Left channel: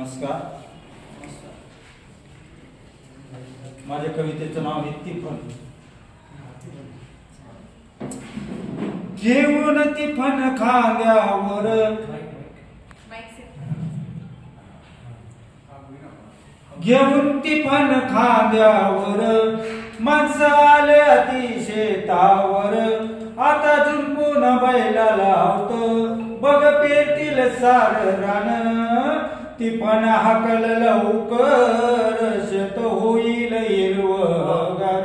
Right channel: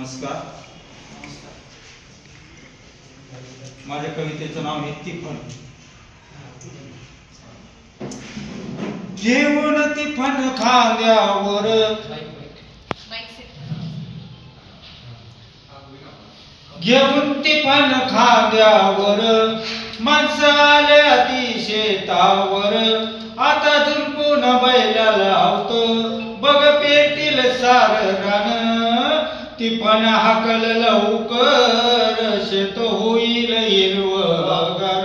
नमस्कार. माझ्या कवितेचं नाव आहे तिफन. घेऊन तिफन खांद्यावर घेऊन तिफन खांद्यावर माणसं आले अति शेतावर. आता झुंपून बैला लावतो बघ पेटील सार रान. तिफन हाकल लवकर शेत होईल हिरवगार.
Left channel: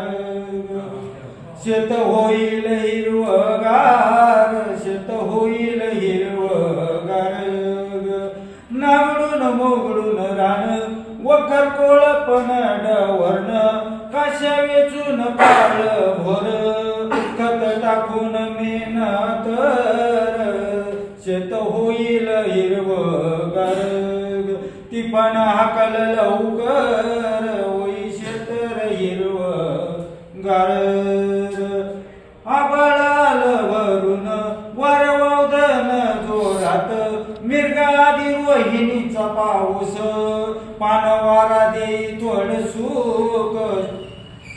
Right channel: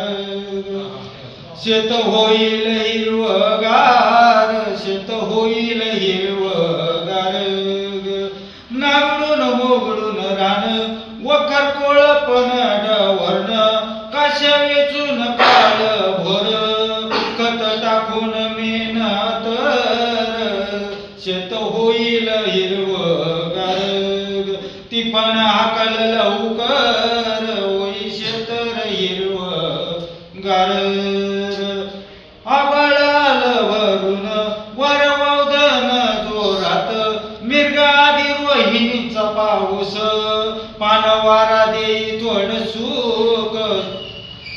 शेत होईल हिरवगार. शेत होईल हिरवगार. नांगडून मोगडून रान वखर कोळपण डवरण. काश्या वेचून काळ भोर खत टाकून मेहनत. शेत होईल हिरवगार. तिफन हाकल लवकर होई शेत हिरवगार. आभाळ आलं वरून वरवदन जोरात. मिरगा आधी रोहिणीचा पाऊस पानवारा देई थोड सुख.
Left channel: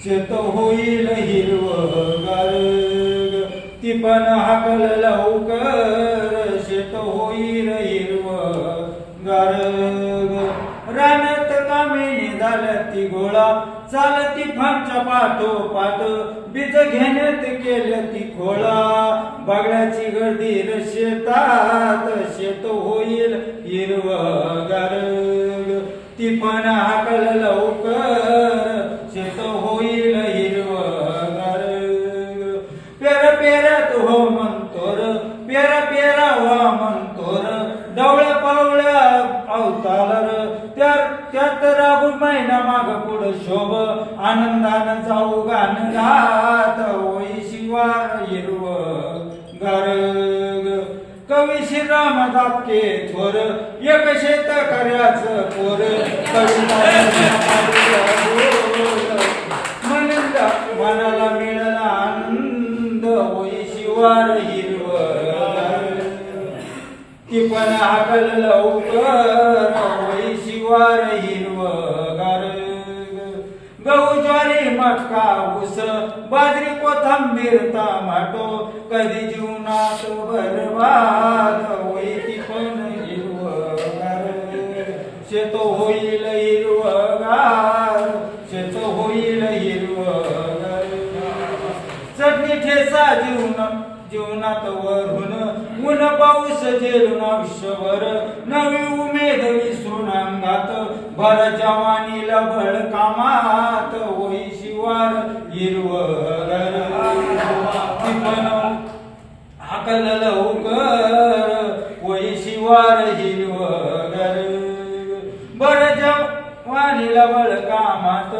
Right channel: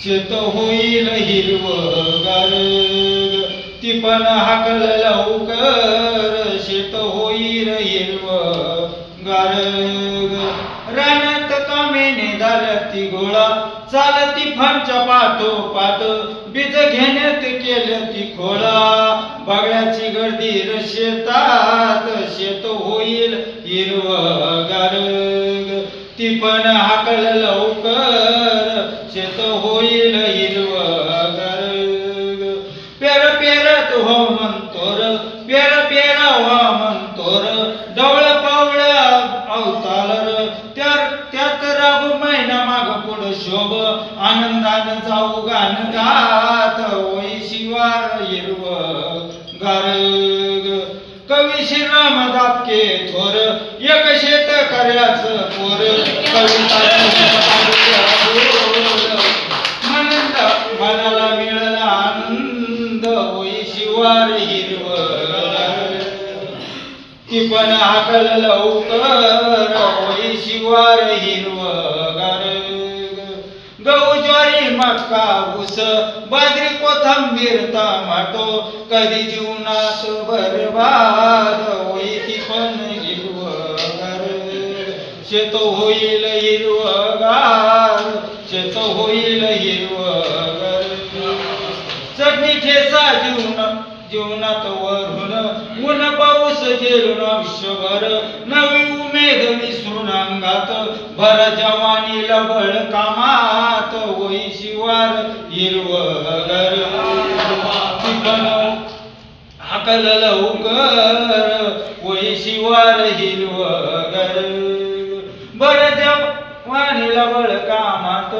शेत होईल हिरवगार. तिफन हाकल लवकर शेत होईल हिरवगार. रानात कामेने झालती गोळा चालती तिफनच्या पाठोपाठ. बीज घेण्यात केलं ती खोळा बगळ्याची गर्दीर शेतात. शेत होईल हिरवगार. तिफन हाकल लवकर शेत होईल हिरवगार. पेर पेरत हो म्हणतोर पेर पेरा हो म्हणतोर. डवळ पावळ अवतालर त्यात राहू महिना माग पुढं शोभ. आनंदान जाऊ गान गात होई शिवार हिरवगार. कवी श्रीराम दापके थोर एक शेतकऱ्याचं पोर. कविता मनाला मिळाला आनंद होई शिवार हिरवगार. तिफन हाकल लवकर होई शिवार हिरवगार. गहू ज्वारी मका ऊस बाजरी कोथिंबीर टमाटो. कधी जीवनात बरबाद होई तिफन हिरवगार. शेत होईल हिरवगार. शेत होईल हिरवगार. चटणी ठेचा जीवनात वरून ऊन पाऊस झेलून आयुष्यभर. नवी उमेद विसरून अंगात भर जवानीला बळ कामात होई शिवार हिरवगार. तिफन हाकल लवकर होई शिवार हिरवगार. बळ जवानीला बळ कामात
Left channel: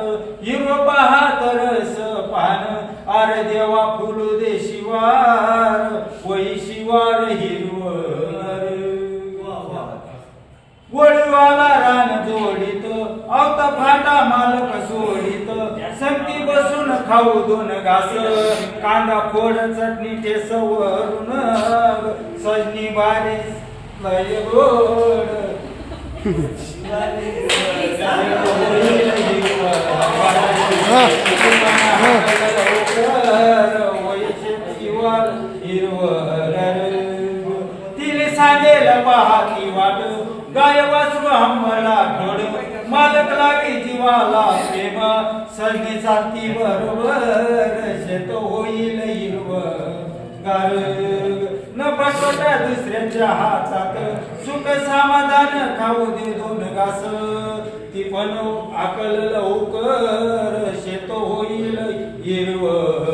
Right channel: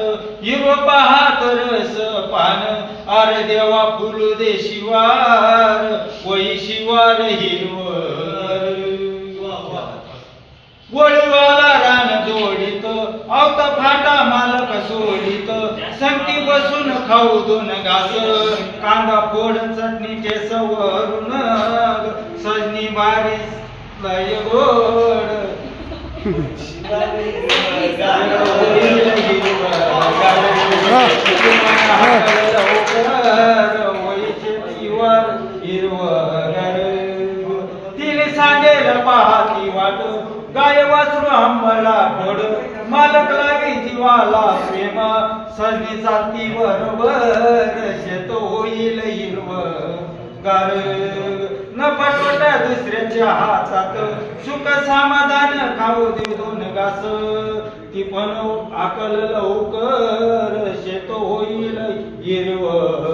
हिरव पाहात रस पान. आर देवा फुलू दे शिवार होई शिवार हिरवगार. वळूवाला रान जोडीत आवता फाटा मालक सोडित. संगती बसून खाऊ दोन घास कांदा फोड चटणीचे सवरून. सजनी बारी लय गोड. तिने सांगेल पाहती वाट गाय वासरू आंबला घोड. मालक लावी जीवाला प्रेम सजनी चालती बरोबर. शेत होईल हिरवगार. न पटवटा दुसऱ्याच्या हातात सुख समाधान खाऊ दे दोन घास. तिफन हाकल लवकर शेत होईल हिरवगार.